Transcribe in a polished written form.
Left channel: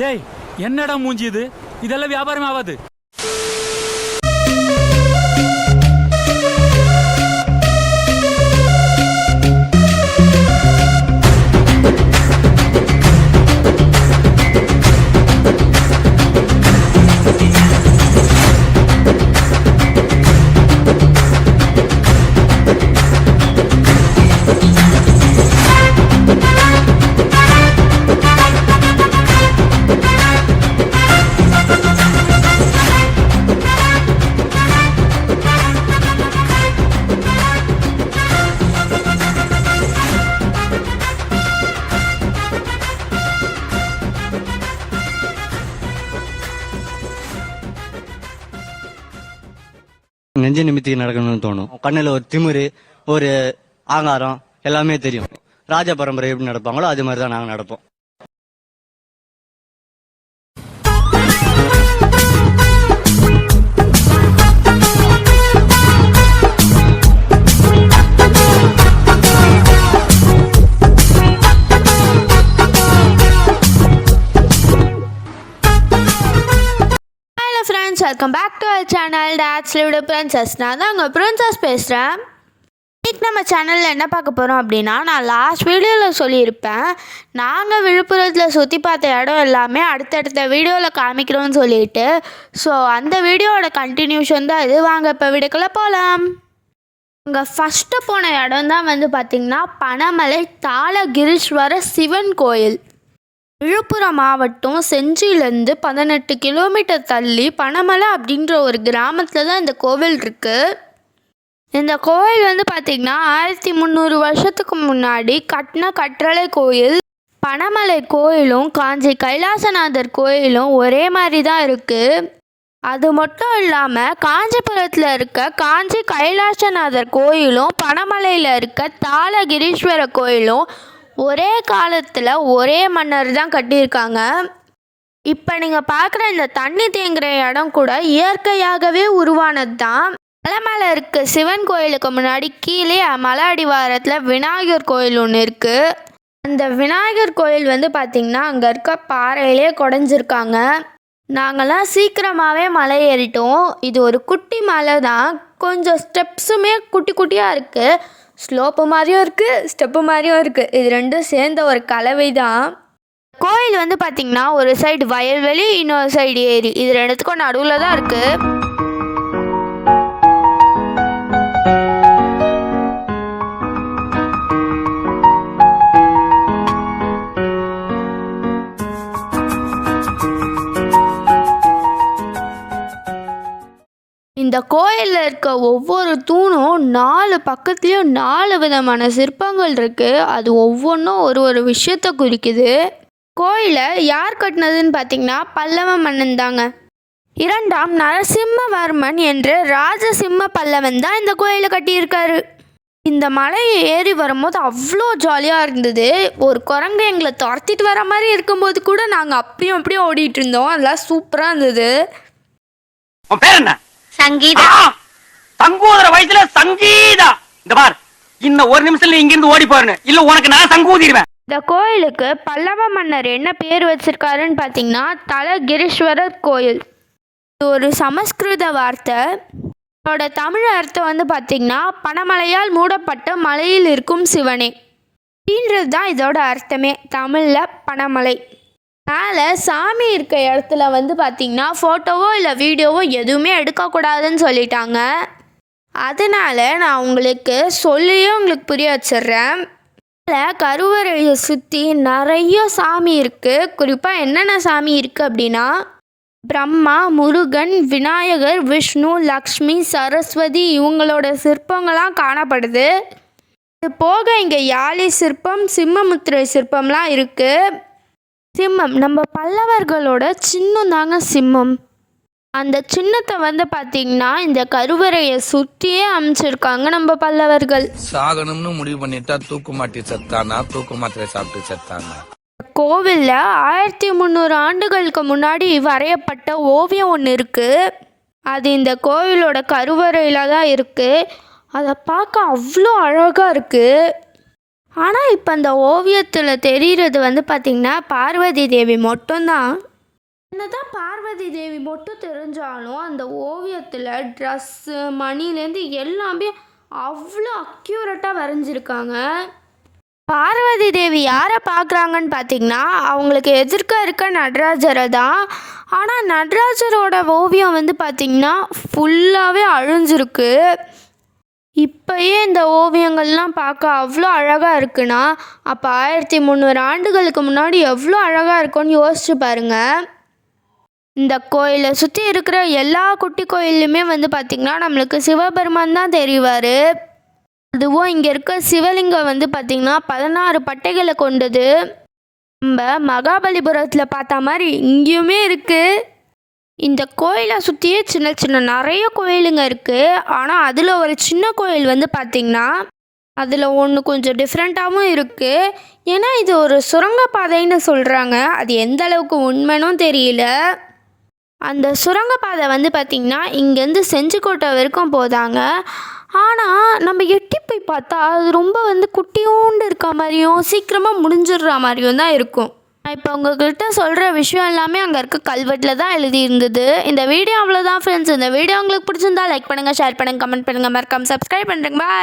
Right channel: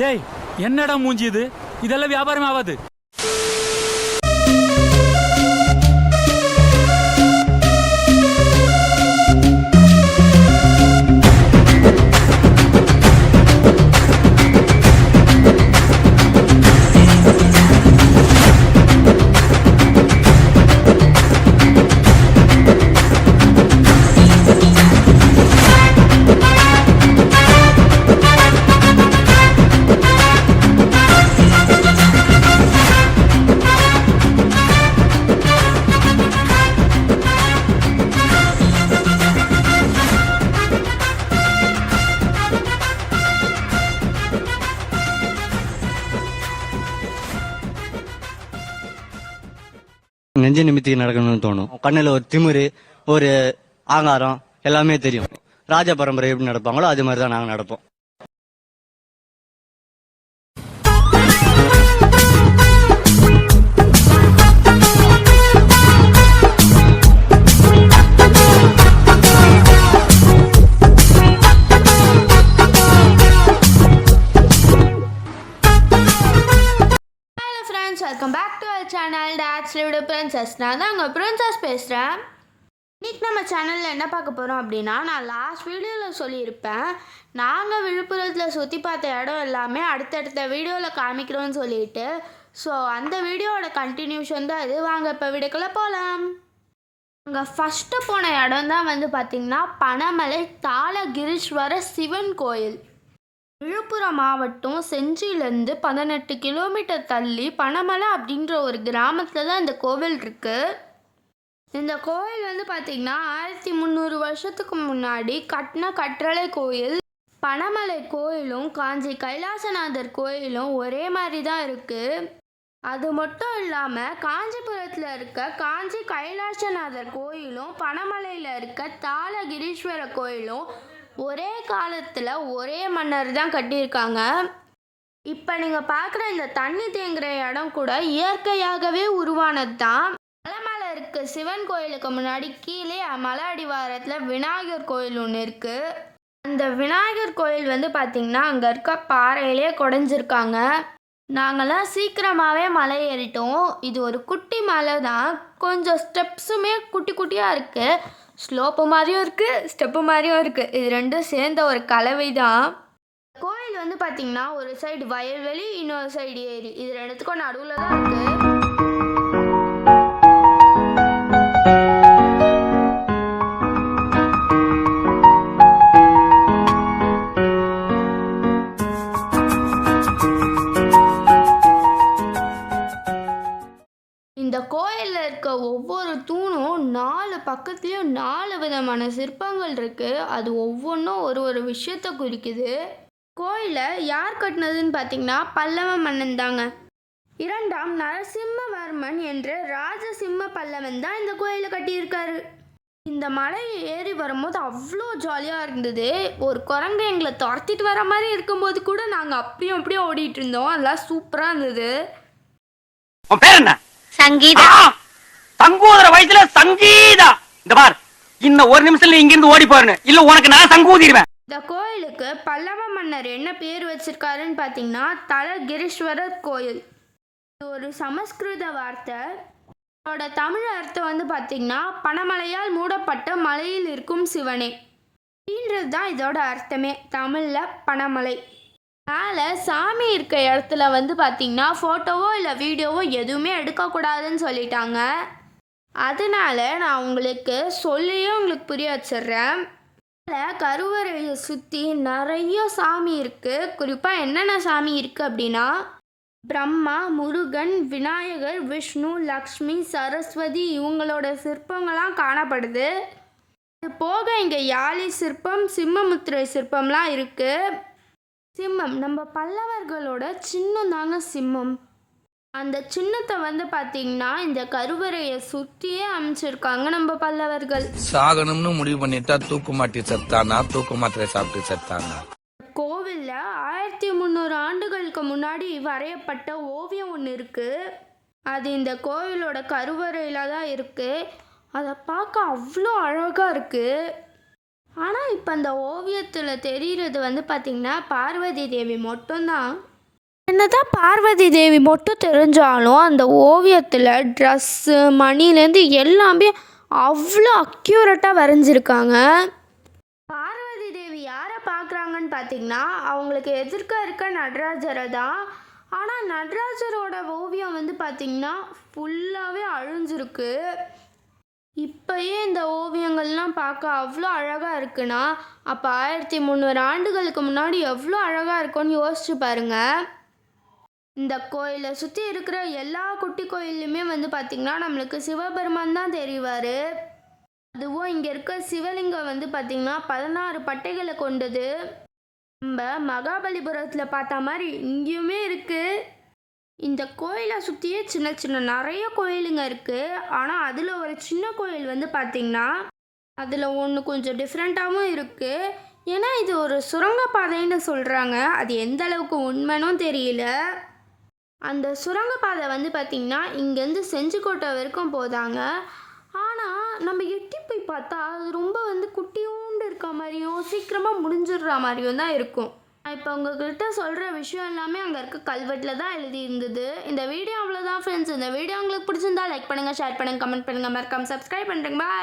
டேய் என்னடா மூஞ்சி இது? இதெல்லாம் வியாபாரம் ஆகாது. நெஞ்ச நிமித்தி நடக்கணும்னு தோணும். கண்ணுல ஒரு திமிரு, ஒரு ஆங்காரம் எல்லாமே தெரியும். ராஜ பரம்பரை எப்படி நடப்பாங்களோ அது மாதிரிதான் நாங்க நடப்போம். Welcome back to our channel dad's lived princess. நான் தான் உங்கள் பிரின்சஸ் பேசுகிறேன். இன்றைக்கி நம்ம சேனலில் என்ன பார்க்க போகிறோம் அப்படின்னா, நான் லாஸ்ட் வீடியோவில் சொல்லியிருப்பேன், நாங்கள் விழுப்புரத்தில் சுற்றி பார்த்த இடம் எல்லாமே அடுத்தடுத்த வீடியோவில் காமிக்கிறோன்னு சொல்லிட்டு. ஸோ அந்த வீடியோவோட கண்டினியூஷன் தான் இது. வாங்க இப்போ வீடியோக்குள்ளே போகலாம். அங்கே ஃபஸ்ட்டு போன இடம் தான் வந்து பார்த்திங்கன்னா பனமலை தாளகிரீஸ்வர சிவன் கோயில். விழுப்புரம் மாவட்டம் செஞ்சியிலேருந்து 18 கிலோமீட்டர் தள்ளி பனமலை அப்படின்ற ஒரு கிராமத்தில் தான் இந்த கோவில் இருக்குது. இந்த கோவில் வந்து பார்த்திங்கன்னா 1300 வருஷத்துக்கு முன்னாடி கட்டின கற்றளை கோயில். பனமலை கோயிலும் காஞ்சி கைலாசநாதர் கோயிலும் ஒரே மாதிரி தான் இருக்குது. அது மட்டும் இல்லாமல் காஞ்சிபுரத்தில் இருக்க காஞ்சி கைலாசநாதர் கோயிலும் பனமலையில் இருக்க தாளகிரீஸ்வர கோயிலும் ஒரே காலத்தில் ஒரே மன்னர் தான் கட்டியிருக்காங்க. இப்போ நீங்கள் பார்க்குற இந்த தண்ணி தேங்குகிற இடம் கூட இயற்கையாகவே உருவானது தான். மலை மேலே இருக்க சிவன் கோயிலுக்கு முன்னாடி கீழே மலை அடிவாரத்தில் விநாயகர் கோயில் ஒன்று இருக்குது. அந்த விநாயகர் கோயில் வந்து பார்த்திங்கன்னா அங்கே இருக்க பாறையிலே குடஞ்சிருக்காங்க. நாங்கள்லாம் சீக்கிரமாகவே மலை ஏறிட்டோம். இது ஒரு குட்டி மலை தான். கொஞ்சம் ஸ்டெப்ஸுமே குட்டி குட்டியாக இருக்குது. ஸ்லோப்பு மாதிரியும் இருக்குது, ஸ்டெப்பு மாதிரியும் இருக்குது. இது ரெண்டும் சேர்ந்த ஒரு கலவை தான். கோயில் வந்து பார்த்திங்கன்னா ஒரு சைடு வயல்வெளி, இன்னொரு சைடு ஏரி. இது ரெண்டுத்துக்கும் நடுவில் தான் இருக்குது. இந்த கோயிலில் இருக்க ஒவ்வொரு தூணும் 4 பக்கத்துலேயும் 4 விதமான சிற்பங்கள் இருக்குது. அது ஒவ்வொன்றும் ஒரு விஷயத்தை குறிக்குது. கோயிலை யார் கட்டினதுன்னு பார்த்திங்கன்னா பல்லவ மன்னன் தாங்க. 2ஆம் நரசிம்மவர்மன் என்ற ராஜசிம்ம பல்லவன் தான் இந்த கோயிலை கட்டியிருக்காரு. இந்த மலையை ஏறி வரும்போது அவ்வளோ ஜாலியாக இருந்தது. ஒரு குரங்கு எங்களை துரத்திட்டு வர மாதிரி இருக்கும்போது கூட நாங்கள் அப்படியும் ஓடிட்டு இருந்தோம். அதெல்லாம் சூப்பராக இருந்தது. சங்கீதா. சங்கூதர வயசுல சங்கீதா. இந்த பார், இன்னும் ஒரு நிமிஷத்துல இங்க இருந்து ஓடி போறேன், இல்ல உனக்கு நான் சங்கூதிடுவேன். இந்த கோயிலுக்கு பல்லவ மன்னர் என்ன பேர் வச்சிருக்காருன்னு பார்த்தீங்கன்னா தலகிரீஸ்வரர் கோயில். இது ஒரு சமஸ்கிருத வார்த்தை. இதோட தமிழ் அர்த்தம் வந்து பார்த்திங்கன்னா பனமலையால் மூடப்பட்ட மலையில் இருக்கும் சிவனே அப்படின்றது தான் இதோட அர்த்தமே. தமிழில் பனமலை. மேலே சாமி இருக்க இடத்துல வந்து பார்த்திங்கன்னா ஃபோட்டோவோ இல்லை வீடியோவோ எதுவுமே எடுக்கக்கூடாதுன்னு சொல்லிட்டாங்க. அதனால் நான் உங்களுக்கு புரிய வச்சிடுறேன். அதில் கருவறையை சுற்றி நிறைய சாமி இருக்குது. குறிப்பாக என்னென்ன சாமி இருக்குது அப்படின்னா பிரம்மா, முருகன், விநாயகர், விஷ்ணு, லக்ஷ்மி, சரஸ்வதி இவங்களோட சிற்பங்கள்லாம் காணப்படுது. இது போக இங்கே யாழி சிற்பம், சிம்மமுத்திரை சிற்பம்லாம் இருக்குது. சிம்மம் நம்ம பல்லவர்களோட சின்னம் தாங்க சிம்மம். அந்த சின்னத்தை வந்து பார்த்திங்கன்னா இந்த கருவறையை சுற்றியே அமைச்சிருக்காங்க நம்ம பல்லவர்கள். சாகணும்னு முடிவு பண்ணிட்டா தூக்கு மாட்டி செத்தானா, தூக்கு மாத்திரை சாப்பிட்டு செத்தானா. கோவிலில் 1300 ஆண்டுகளுக்கு முன்னாடி வரையப்பட்ட ஓவியம் ஒன்று இருக்குது. அது இந்த கோவிலோட கருவறையில் தான் இருக்குது. அதை பார்க்க அவ்வளோ அழகாக இருக்குது. ஆனால் இப்போ அந்த ஓவியத்தில் தெரிகிறது வந்து பார்த்திங்கன்னா பார்வதி தேவி மட்டும்தான். என்னதான் பார்வதி தேவி மட்டும் தெரிஞ்சாலும் அந்த ஓவியத்தில் ட்ரெஸ்ஸு மணிலேருந்து எல்லாமே அவ்வளோ அக்யூரேட்டாக வரைஞ்சிருக்காங்க. பார்வதி தேவி யாரை பார்க்குறாங்கன்னு பார்த்தீங்கன்னா அவங்களுக்கு எதிர்க்க இருக்க நடராஜரை தான். ஆனால் நடராஜரோட ஓவியம் வந்து பார்த்திங்கன்னா ஃபுல்லாகவே அழிஞ்சிருக்கு. இப்போயே இந்த ஓவியங்கள்லாம் பார்க்க அவ்வளோ அழகாக இருக்குன்னா அப்போ 1300 ஆண்டுகளுக்கு முன்னாடி எவ்வளோ அழகாக இருக்கும்னு யோசிச்சு பாருங்கள். இந்த கோயிலை சுற்றி இருக்கிற எல்லா குட்டி கோயிலுமே வந்து பார்த்திங்கன்னா நம்மளுக்கு சிவபெருமான் தான் தெரிவார். அதுவும் இங்கே இருக்க சிவலிங்கம் வந்து பார்த்திங்கன்னா 16 பட்டைகளை கொண்டது. நம்ம மகாபலிபுரத்தில் பார்த்த மாதிரி இங்கேயுமே இருக்குது. இந்த கோயிலை சுற்றியே சின்ன சின்ன நிறைய கோயிலுங்க இருக்குது. ஆனால் அதில் ஒரு சின்ன கோயில் வந்து பார்த்திங்கன்னா அதில் ஒன்று கொஞ்சம் டிஃப்ரெண்ட்டாகவும் இருக்குது. ஏன்னா இது ஒரு சுரங்கப்பாதைன்னு சொல்கிறாங்க. அது எந்த அளவுக்கு உண்மைனும் தெரியல. அந்த சுரங்கப்பாதை வந்து பார்த்திங்கன்னா இங்கேருந்து செஞ்சிக்கோட்டை வரைக்கும் போதாங்க. ஆனால் நம்ம எட்டி போய் பார்த்தா அது ரொம்ப வந்து குட்டியோண்டு இருக்க மாதிரியும் சீக்கிரமாக முடிஞ்சிடுற மாதிரியும் தான் இருக்கும். நான் இப்போ உங்கள்கிட்ட சொல்கிற விஷயம் எல்லாமே அங்கே இருக்க கல்வெட்டில் தான் எழுதியிருந்தது. இந்த வீடியோ அவ்வளோதான் ஃப்ரெண்ட்ஸ். இந்த வீடியோ உங்களுக்கு பிடிச்சிருந்தா லைக் பண்ணுங்கள், ஷேர் பண்ணுங்கள், கமெண்ட் பண்ணுங்கள், மறக்காம சப்ஸ்கிரைப் பண்ணுறேங்க. பாய்.